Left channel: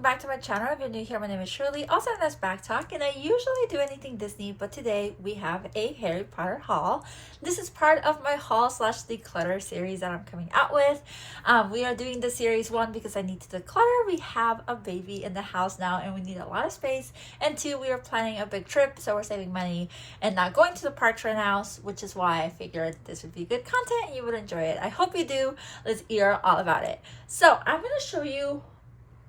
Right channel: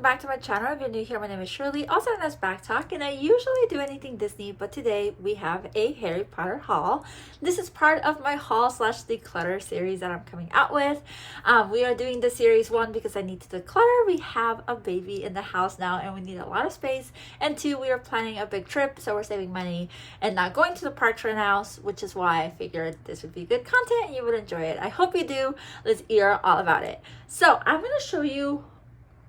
welcome back to my channel. If you're new here, my name is Shirley, also known as Backttalk, and I usually do anything Disney, but today we have a Harry Potter haul. This is part of my haul slash declutter series that I'm coming out with. We are doing the series 1 because I need to declutter. We have a baby in the house now and we need a lot of space, and 2, we are planning a big trip, so we're saving money and not going to the parks right now, which is why I figured this would be good content and you would enjoy it. I hope you do. Let's hear all about it. So I'm going to show you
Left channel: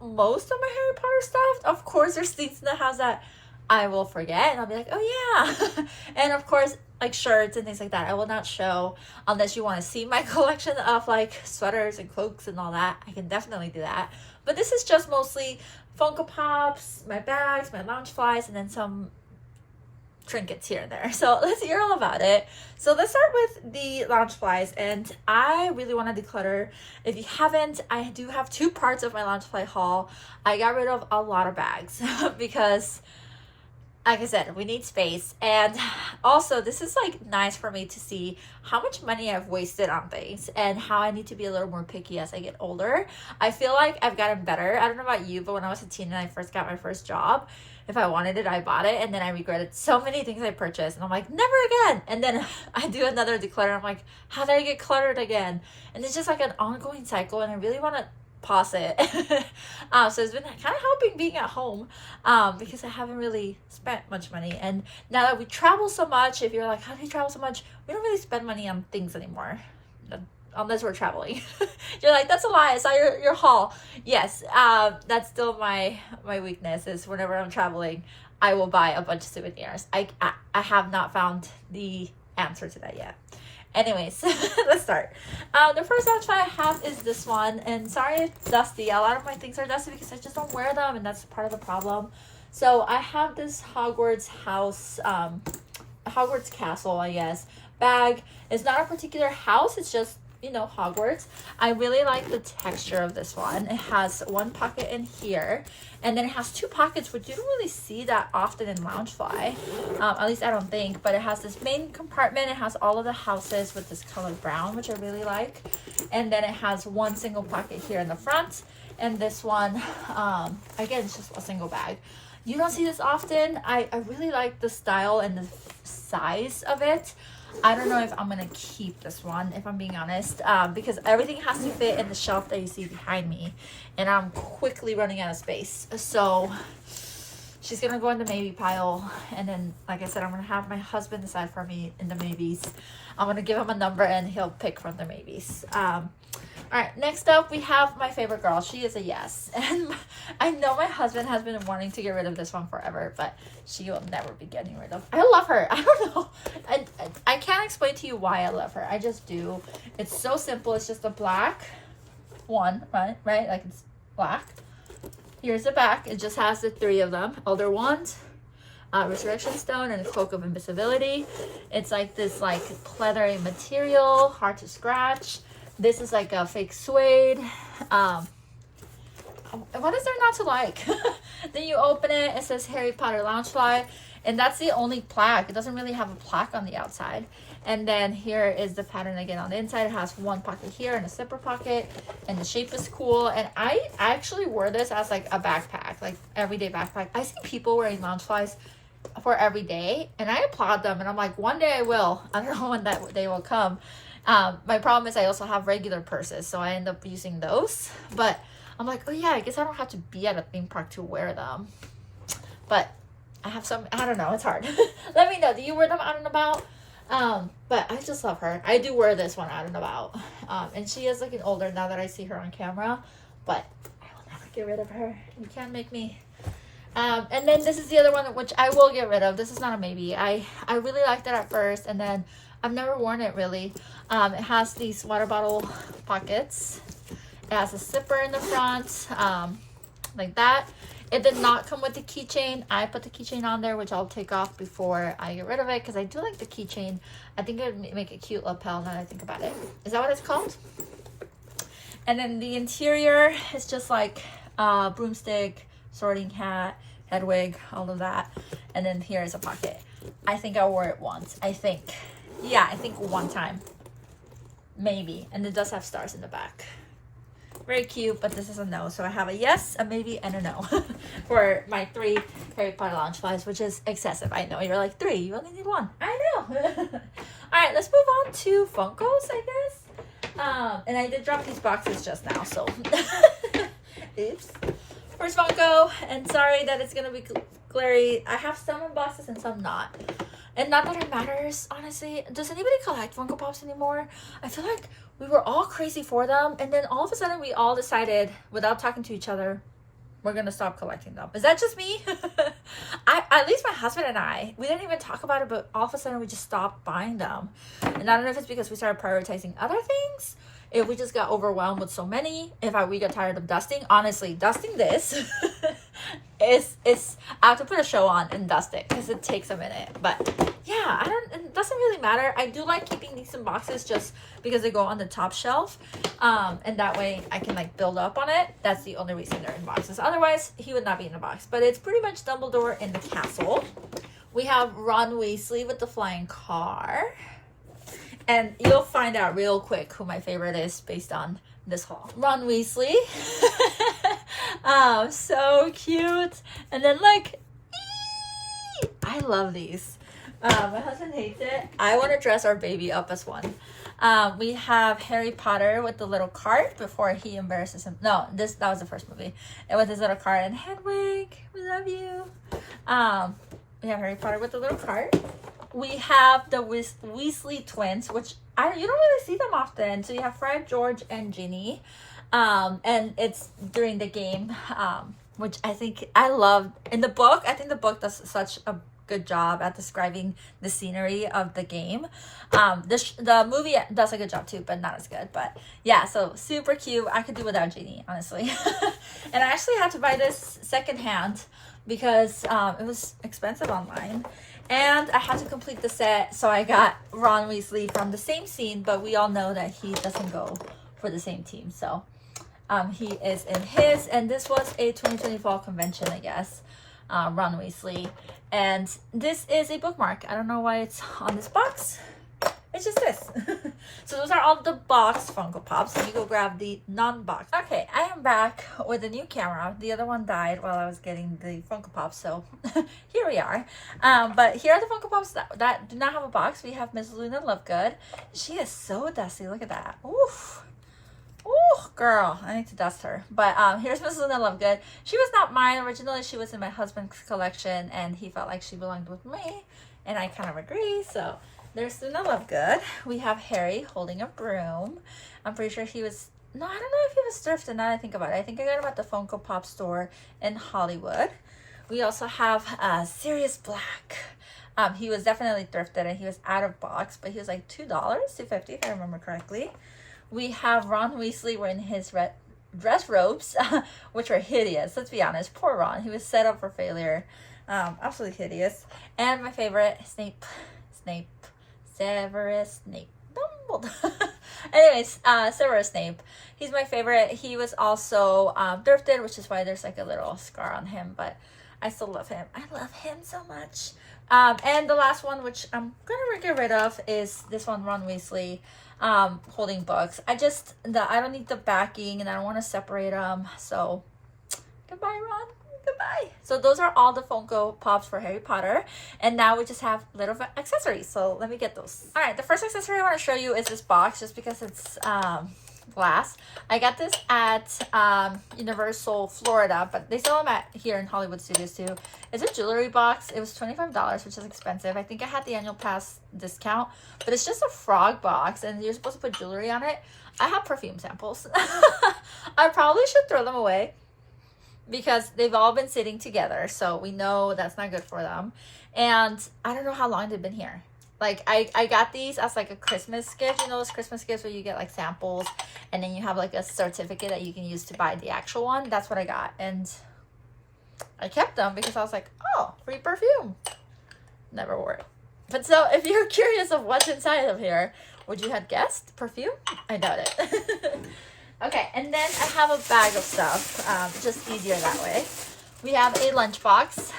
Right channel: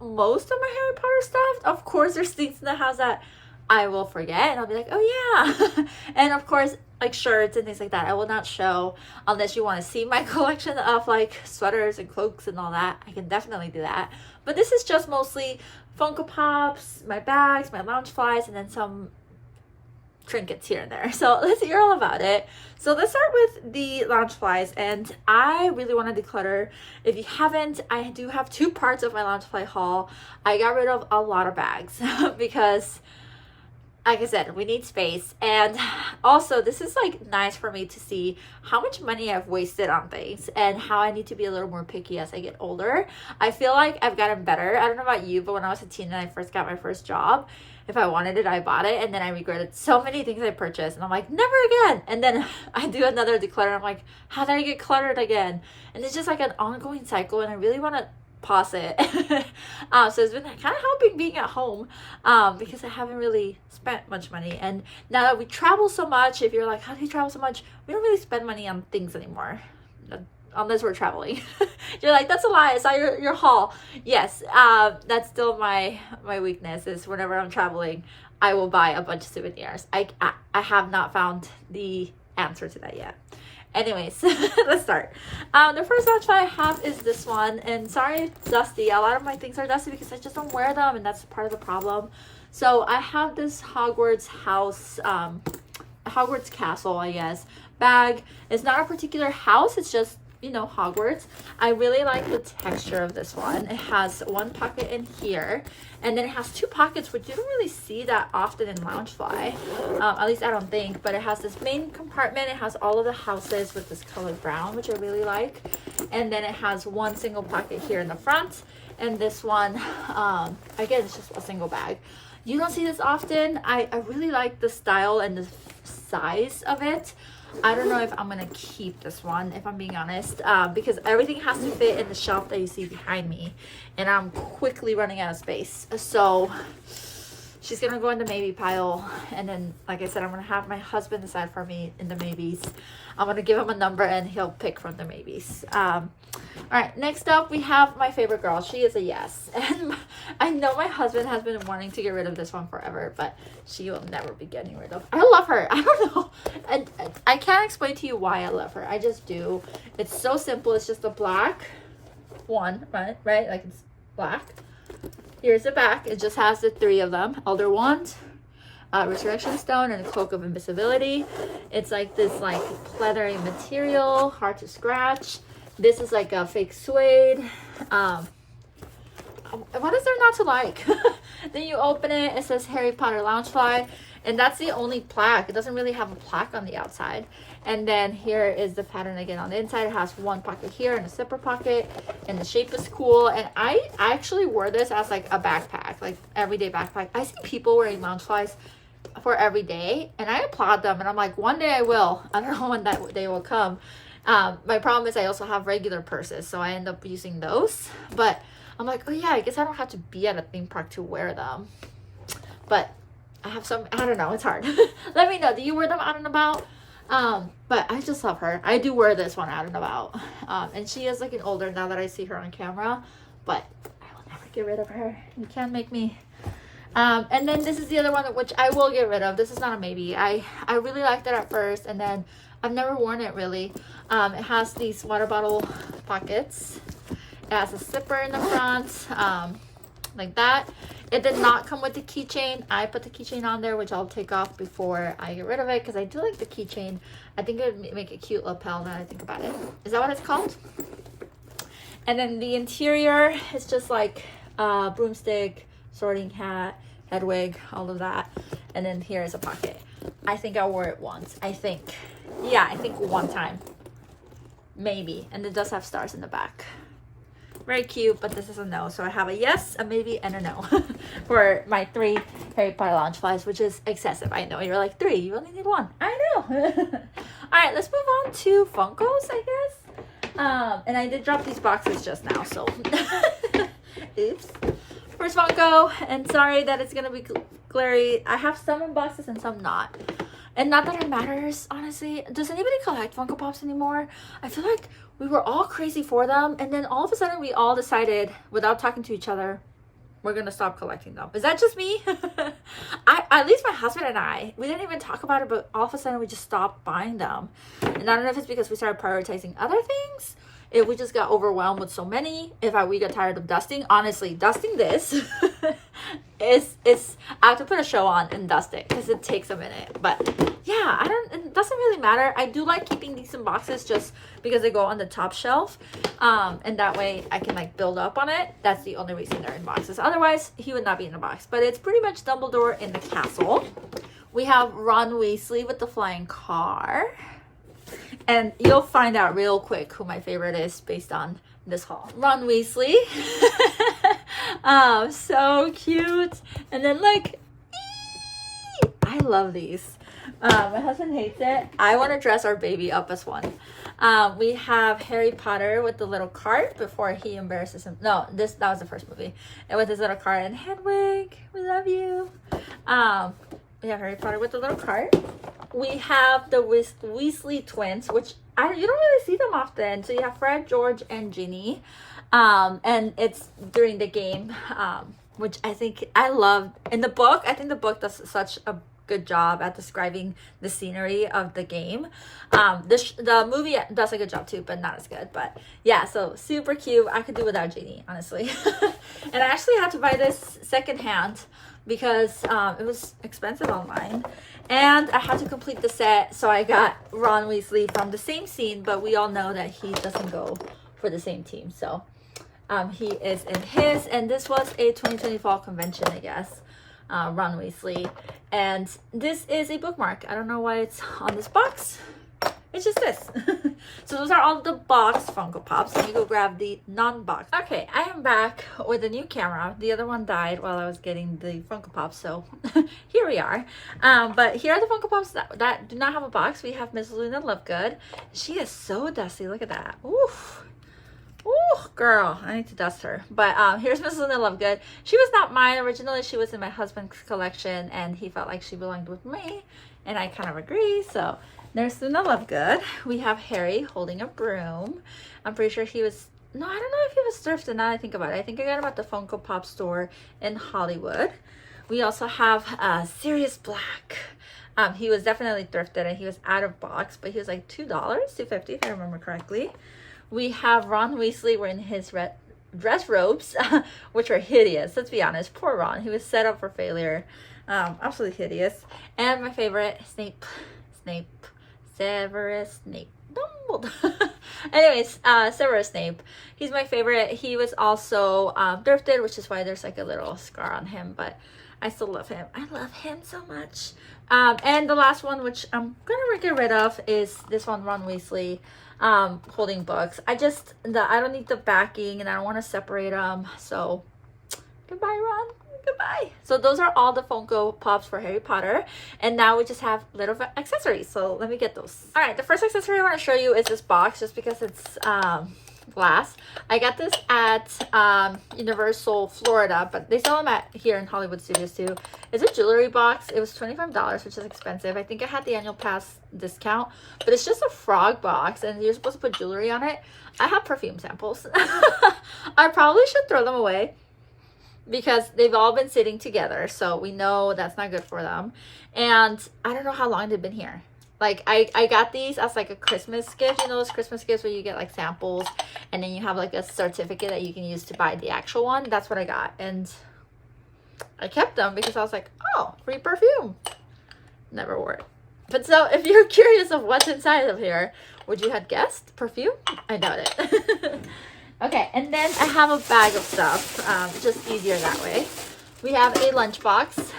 most of my Harry Potter stuff. Of course, there's things in the house that I will forget and I'll be like, oh yeah. And of course, like shirts and things like that, I will not show unless you want to see my collection of like sweaters and cloaks and all that. I can definitely do that. But this is just mostly Funko Pops, my bags, my Loungeflies, and then some trinkets here and there. So let's hear all about it. So let's start with the Loungeflies, and I really want to declutter. If you haven't, I do have 2 parts of my Loungefly haul. I got rid of a lot of bags because, like I said, we need space, and also this is like nice for me to see how much money I've wasted on things and how I need to be a little more picky as I get older. I feel like I've gotten better. I don't know about you, but when I was a teen and I first got my first job, if I wanted it, I bought it, and then I regretted so many things I purchased, and I'm like, never again. And then I do another declutter. I'm like, how did I get cluttered again? And it's just like an ongoing cycle, and I really want to pause it. So it's been kind of helping being at home because I haven't really spent much money. And now that we travel so much, if you're like, how do you travel so much? We don't really spend money on things anymore, unless we're traveling. You're like, that's a lie. I saw your haul. Yes, that's still my weakness, is whenever I'm traveling, I will buy a bunch of souvenirs. I have not found the answer to that yet. Anyways, let's start. The first option I have is this one, and sorry it's dusty. A lot of my things are dusty because I just don't wear them, and that's part of the problem. So I have this Hogwarts house, Hogwarts castle, I guess, bag. It's not a particular house, it's just, you know, Hogwarts. I really like the texture of this one. It has one pocket in here, and then it has 2 pockets, which you don't really see that often in Loungefly, at least I don't think. But it has this main compartment. It has all of the houses with this color brown, which I really like, and then it has one single pocket here in the front, and this one again, it's just a single bag. You don't see this often. I really like the style and the size of it. I don't know if I'm gonna keep this one, if I'm being honest, because everything has to fit in the shelf that you see behind me, and I'm quickly running out of space. So she's gonna go in the maybe pile, and then, like I said, I'm gonna have my husband decide for me in the maybes. I'm gonna give him a number and he'll pick from the maybes. All right, next up we have my favorite girl. She is a yes, and I know my husband has been wanting to get rid of this one forever, but she will never be getting rid of. I love her. I don't know. I can't explain to you why I love her. I just do. It's so simple. It's just a black one, right? Like, it's black. Here's the back. It just has the 3 of them: Elder Wand, Resurrection Stone, and a Cloak of Invisibility. It's like this like pleathery material, hard to scratch. This is like a fake suede. What is there not to like? Then you open it, it says Harry Potter Loungefly, and that's the only plaque. It doesn't really have a plaque on the outside. And then here is the pattern again on the inside. It has one pocket here and a zipper pocket, and the shape is cool. And I actually wore this as like a backpack, like everyday backpack. I see people wearing Loungeflies for every day, and I applaud them, and I'm like, one day I will. I don't know when that day will come. My problem is I also have regular purses, so I end up using those. But I'm like, oh yeah, I guess I don't have to be at a theme park to wear them. But I have some, I don't know, it's hard. Let me know, do you wear them out and about? But I just love her. I do wear this one out and about. And she is looking older now that I see her on camera, but I will never get rid of her. You can't make me. And then this is the other one which I will get rid of. This is not a maybe. I really liked it at first, and then I've never worn it really. It has these water bottle pockets. It has a zipper in the front, like that. It did not come with the keychain. I put the keychain on there, which I'll take off before I get rid of it, because I do like the keychain. I think it would make a cute lapel now that I think about it. Is that what it's called? And then the interior is just like broomstick, sorting hat, head wig, all of that. And then here is a pocket. I think I wore it once. I think one time. Maybe. And it does have stars in the back. Very cute, but this is a no. So I have a yes, a maybe, and a no for my 3 Harry Potter Loungeflies, which is excessive. I know. You're like, 3, you only need 1. I know. Alright, let's move on to Funkos, I guess. And I did drop these boxes just now, so oops. First Funko, and sorry that it's gonna be glary. I have some in boxes and some not. And not that it matters, honestly. Does anybody collect Funko Pops anymore? I feel like we were all crazy for them, and then all of a sudden we all decided, without talking to each other, we're gonna stop collecting them. Is that just me? At least my husband and I, we didn't even talk about it, but all of a sudden we just stopped buying them. And I don't know if it's because we started prioritizing other things, if we just got overwhelmed with so many, we got tired of dusting. Honestly, dusting this is I have to put a show on and dust it because it takes a minute. But yeah, it doesn't really matter. I do like keeping these in boxes just because they go on the top shelf, and that way I can like build up on it. That's the only reason they're in boxes. Otherwise, he would not be in a box. But it's pretty much Dumbledore in the castle. We have Ron Weasley with the flying car. And you'll find out real quick who my favorite is based on this haul. Ron Weasley. So cute. And then like, I love these. My husband hates it. I want to dress our baby up as one. We have Harry Potter with the little cart before he embarrasses him. No, that was the first movie. And with his little cart and Hedwig, we love you. We have Harry Potter with the little cart. We have the Weasley twins, which you don't really see them often. So you have Fred, George, and Ginny. And it's during the game, which I think I loved. In the book, I think the book does such a good job at describing the scenery of the game. The movie does a good job too, but not as good. But yeah, so super cute. I could do without Ginny, honestly. And I actually had to buy this secondhand because it was expensive online. And I had to complete the set, so I got Ron Weasley from the same scene, but we all know that he doesn't go for the same team. So he is in his, and this was a 2020 fall convention, I guess. Ron Weasley. And this is a bookmark. I don't know why it's on this box. It's just this. So those are all the box Funko Pops. Let me go grab the non-box. Okay, I am back with a new camera. The other one died while I was getting the Funko Pops, so here we are. But here are the Funko Pops that do not have a box. We have Miss Luna Lovegood. She is so dusty. Look at that. Oof. Ooh, girl, I need to dust her. But here's Miss Luna Lovegood. She was not mine originally. She was in my husband's collection, and he felt like she belonged with me, and I kind of agree. So there's Luna Lovegood. We have Harry holding a broom. I'm pretty sure he was, no, I don't know if he was thrifted now that I think about it. I think I got him at the Funko Pop store in Hollywood. We also have Sirius Black. He was definitely thrifted, and he was out of box, but he was like $2, $2.50 if I remember correctly. We have Ron Weasley wearing his red dress robes, which are hideous. Let's be honest. Poor Ron. He was set up for failure. Absolutely hideous. And my favorite, Severus Snape. Dumbledore. Anyways, Severus Snape. He's my favorite. He was also thrifted, which is why there's like a little scar on him, but I still love him. I love him so much. And the last one, which I'm gonna get rid of, is this one, Ron Weasley, holding books. I don't need the backing, and I don't want to separate them. So goodbye, Ron. Goodbye. So those are all the Funko Pops for Harry Potter, and now we just have little accessories. So let me get those. All right, the first accessory I want to show you is this box, just because it's glass. I got this at Universal Florida, but they sell them here in Hollywood Studios too. It's a jewelry box. It was $25, which is expensive. I think I had the annual pass discount, but it's just a frog box, and you're supposed to put jewelry on it. I have perfume samples. I probably should throw them away because they've all been sitting together, so we know that's not good for them. And I don't know how long they've been here. Like, I got these as like a Christmas gift. You know those Christmas gifts where you get like samples, and then you have like a certificate that you can use to buy the actual one. That's what I got, and I kept them because I was like, oh, free perfume. Never wore it. But so if you're curious of what's inside of here, would you have guessed perfume? I doubt it. Okay, and then I have a bag of stuff, just easier that way. We have a lunchbox.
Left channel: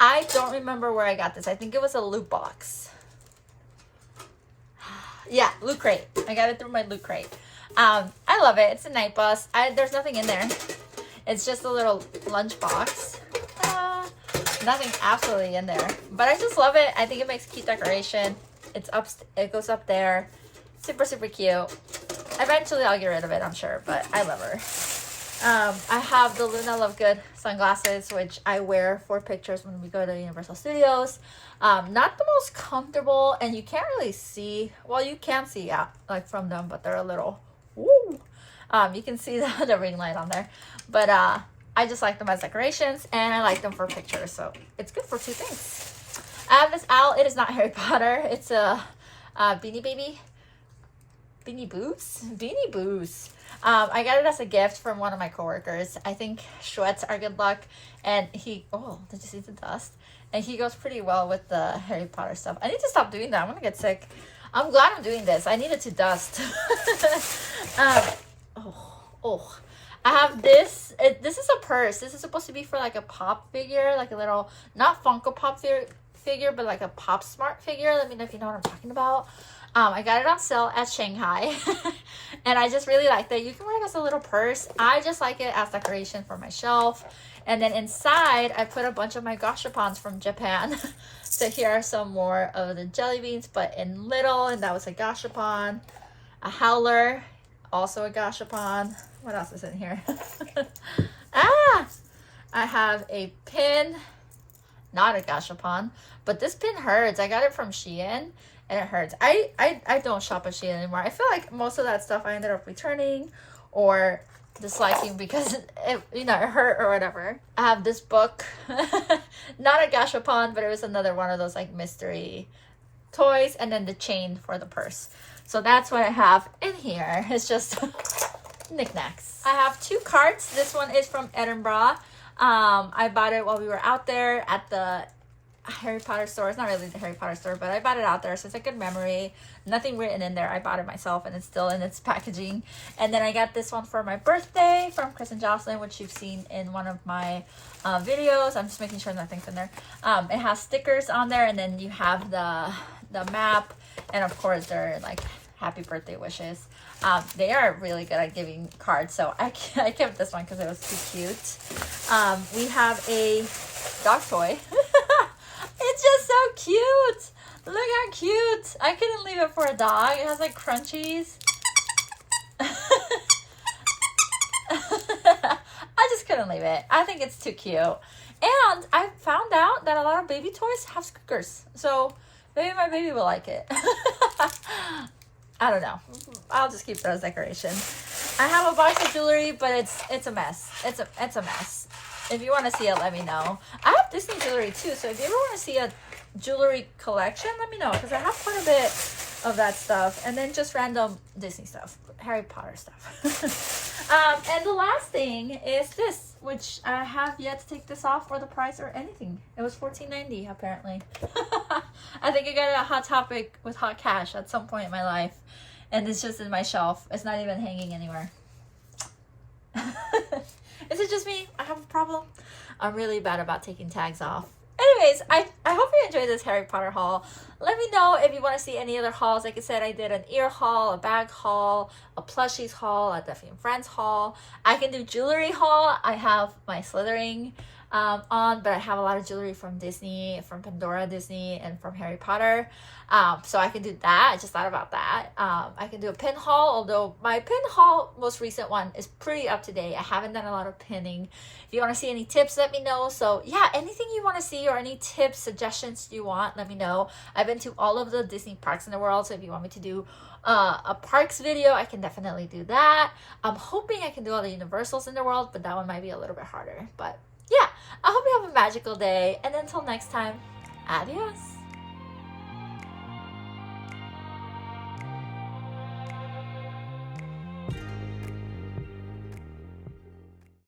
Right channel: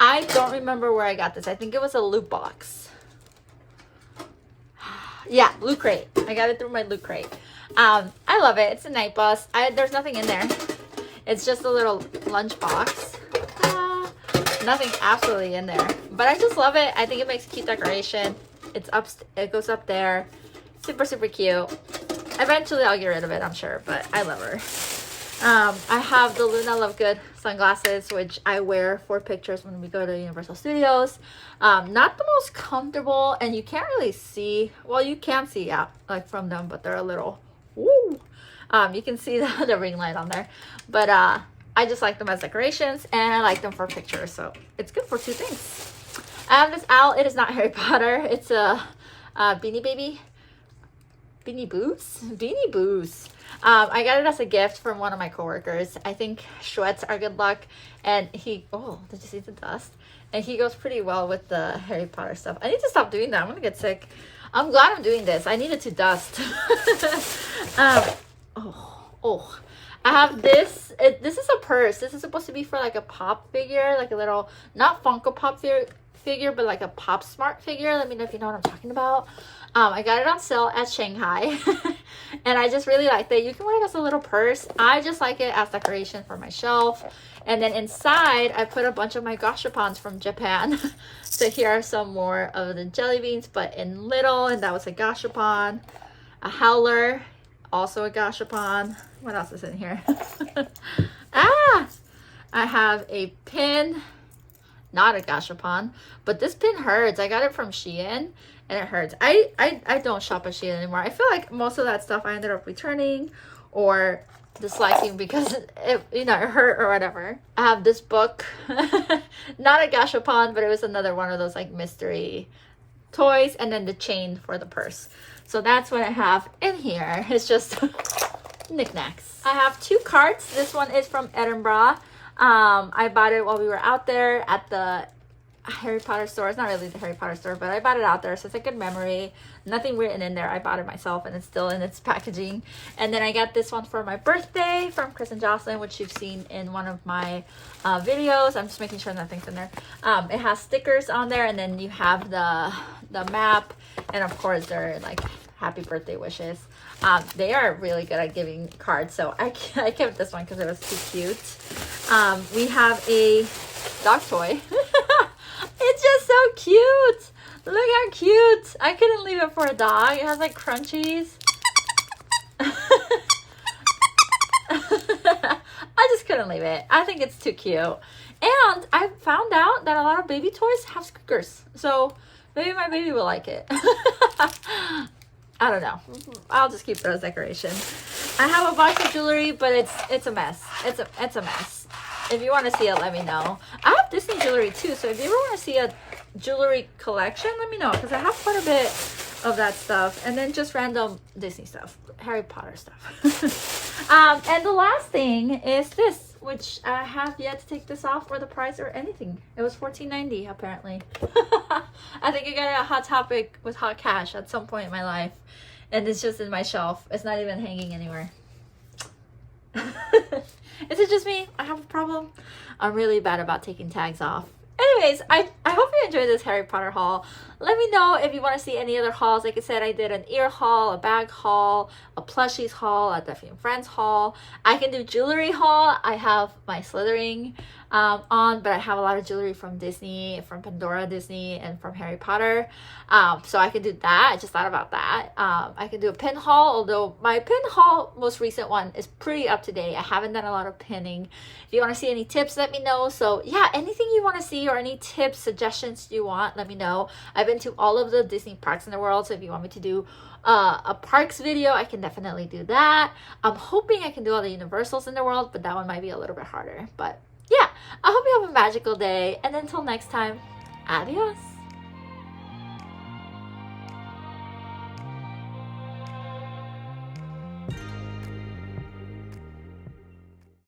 I don't remember where I got this. I think it was a loot box. Yeah, Loot Crate. I got it through my Loot Crate. I love it. It's a night bus. There's nothing in there. It's just a little lunch box. Nothing absolutely in there, but I just love it. I think it makes a cute decoration. It's up, it goes up there. Super, super cute. Eventually I'll get rid of it, I'm sure, but I love her. I have the Luna Lovegood sunglasses, which I wear for pictures when we go to Universal Studios. Not the most comfortable, and you can't really see, well, you can see out like from them, but they're a little, woo. You can see the ring light on there, but I just like them as decorations, and I like them for pictures, so it's good for two things. I have this owl. It is not Harry Potter. It's a Beanie Baby. Beanie Boos? Beanie Boos. I got it as a gift from one of my coworkers. I think Schwetz are good luck, and he, oh, did you see the dust? And he goes pretty well with the Harry Potter stuff. I need to stop doing that. I'm gonna get sick. I'm glad I'm doing this. I needed to dust. Oh. I have this. This is a purse. This is supposed to be for like a pop figure, like a little, not Funko Pop figure, but like a Pop Smart figure. Let me know if you know what I'm talking about. I got it on sale at Shanghai, and I just really liked it. You can wear it as a little purse. I just like it as decoration for my shelf. And then inside, I put a bunch of my gashapons from Japan. So here are some more of the jelly beans, but in little, and that was a gashapon. A howler, also a gashapon. What else is in here? I have a pin, not a gashapon, but this pin hurts. I got it from Shein, and it hurts. I don't shop at Shein anymore. I feel like most of that stuff I ended up returning or disliking because it hurt or whatever. I have this book, not a gashapon, but it was another one of those like mystery toys, and then the chain for the purse. So that's what I have in here. It's just knickknacks. I have two carts. This one is from Edinburgh. I bought it while we were out there at the Harry Potter store. It's not really the Harry Potter store, but I bought it out there, so it's a good memory. Nothing written in there. I bought it myself, and it's still in its packaging. And then I got this one for my birthday from Chris and Jocelyn, which you've seen in one of my videos. I'm just making sure nothing's in there. It has stickers on there, and then you have the map, and of course they're like happy birthday wishes. They are really good at giving cards, so I kept this one because it was too cute. We have a dog toy. It's just so cute. Look how cute. I couldn't leave it for a dog. It has like crunchies. I just couldn't leave it. I think it's too cute. And I found out that a lot of baby toys have squeakers, so maybe my baby will like it. I don't know. I'll just keep those decorations. I have a box of jewelry, but it's a mess. It's a mess. If you want to see it, let me know. I have Disney jewelry too, so if you ever want to see a jewelry collection, let me know, because I have quite a bit of that stuff, and then just random Disney stuff, Harry Potter stuff. And the last thing is this, which I have yet to take this off or the price or anything. It was $14.90 apparently. I think I got it at Hot Topic with Hot Cash at some point in my life, and it's just in my shelf. It's not even hanging anywhere. Is it just me? I have a problem. I'm really bad about taking tags off. Anyways, I hope you enjoyed this Harry Potter haul. Let me know if you want to see any other hauls. Like I said, I did an ear haul, a bag haul, a plushies haul, a Duffy and Friends haul. I can do jewelry haul. I have my slithering on, but I have a lot of jewelry from Disney, from Pandora Disney, and from Harry Potter. So I can do that. I just thought about that. I can do a pin haul, although my pin haul, most recent one, is pretty up to date. I haven't done a lot of pinning. If you want to see any tips, let me know. So yeah, anything you want to see or any tips, suggestions you want, let me know. I've been to all of the Disney parks in the world, so if you want me to do a parks video, I can definitely do that. I'm hoping I can do all the Universals in the world, but that one might be a little bit harder. But yeah, I hope you have a magical day, and until next time, adios.